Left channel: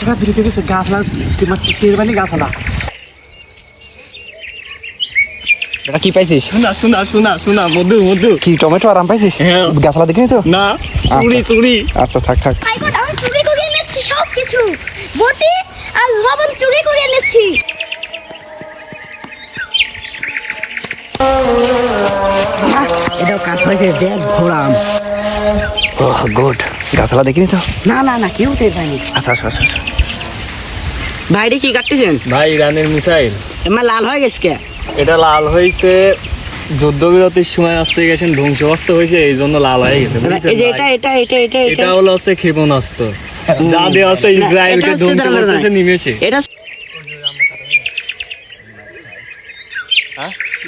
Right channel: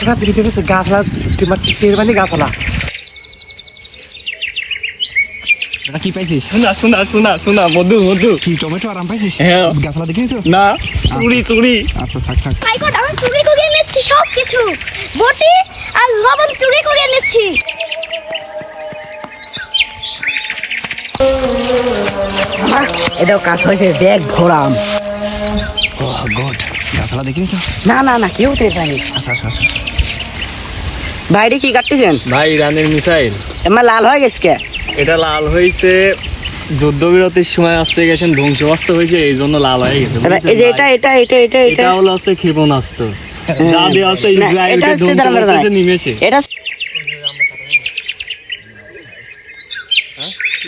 গাছলা বিক্রি করছে গাছলা তোমার টের পানি গাছলা এটা কি পাইছিস? শোনা শোনা শোনা শোনা মধু মধু কি টমেটো আরাম পাইছিস? হ্যাঁ। গাছলা দেখিনি তো? না চুরি চুরি আচ্ছা থাক থাক। মাই গড, আমি চুরি করে এনেছি সব কিছু, বটি আর লবণ চুরি করে এনেছি। এটাও কাজ হয়েছে দেখ ভরাম। ওহ গুড। গাছলা দেখিনি তো? না না না কেউ টের পায়নি। আচ্ছা আচ্ছা আচ্ছা। ভাইরে কি কাটতেছেন? ভাই ইরানের মিসাইল এমন লাল হয়ে গেছে কে? এটা লাল হয়েছে যুদ্ধবিরতির সময় আসতে গেছেন ধ্বংসবাস্ত হয়েছে এই জন্য লাল হয়ে গেছে এই যে এটা এটা এটা এটা এটা হলো হচ্ছে ক্ষেপণাস্ত্র যা দেওয়া হচ্ছে না, ইসরায়েলকে এটা হচ্ছে ধ্বংস দাঁড়ান, করতেছে দাঁড়ান। নিমেষে। এটা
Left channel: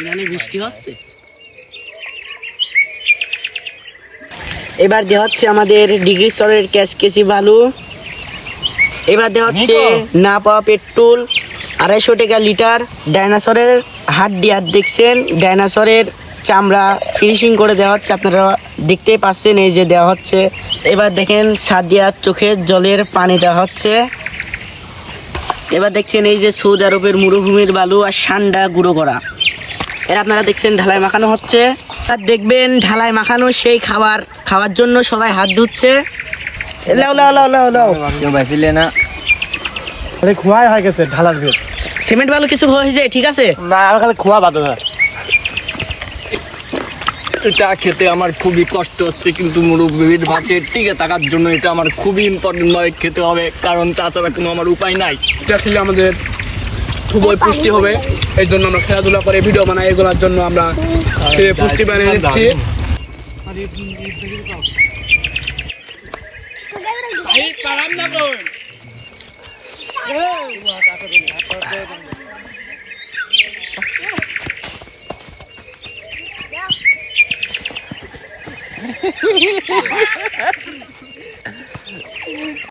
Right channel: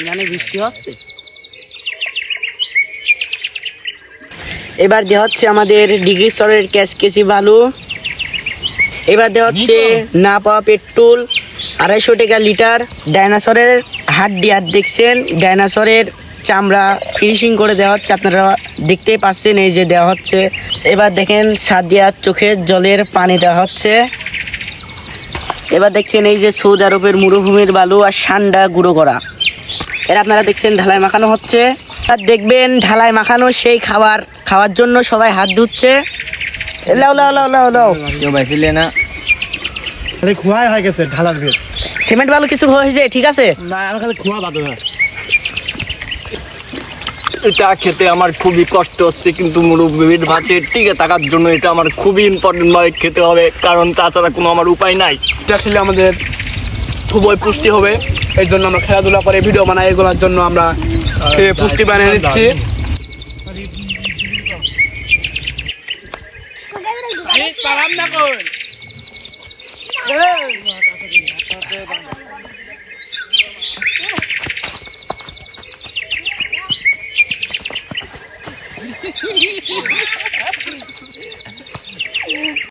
ইরানে বৃষ্টি হচ্ছে। এবার দেওয়া হচ্ছে আমাদের ডিগ্রি স্তরের কেসি বালু। এবার দেওয়া হচ্ছে না পাওয়া পেট্রোল 250 টাকা লিটার। ডাইনোসরের হাড্ডি আর দেখছেন, ডাইনোসরের চামড়া ফিনিশিং করে দেওয়া হচ্ছে, আপনারা দেখতেই পাচ্ছেন এই যে দেওয়া হচ্ছে। এবার দেখেন সাদিয়ার চোখের জলের পানি দেওয়া হচ্ছে। এবার দেখছেন এই যে সৌদি আরবের মরুভূমির বালু আর সান্ডা গুঁড়ো করা, এর আপনারা দেখছেন ঢালাই মাখানো হচ্ছে। আর দেখবেন ঢালাই মাখানো সেই খাওয়ার জন্য সবাই হাত ধুচ্ছে। লাও লাও লাও লাও লাও, কেউ বাইছিলে না খালি খোয়াই হয়ে গেছে ঢালার ভিড়। সিমেন্ট বালু কিছু হয়েছে, ঠিক আছে? না আমার খালি খোয়া বাদ না। এটা খেতে আমার খুবই কষ্ট হচ্ছে, কিন্তু মুরব্বির ভাতের টিকে থাকার জন্য এটা আমার খুবই ইম্পর্টেন্ট ভাবে খেতে হবে, কারণ তাছাড়া কোনো আমার উপায় নাই। এটা খেলে আমাদের খুবই পুষ্টি হবে, এই জন্য আমরা খেলাধুলা করে ভিডিও বানাই, এগুলোর জন্য আমরা খেয়ে পুষ্টি বানিয়ে নিচ্ছি।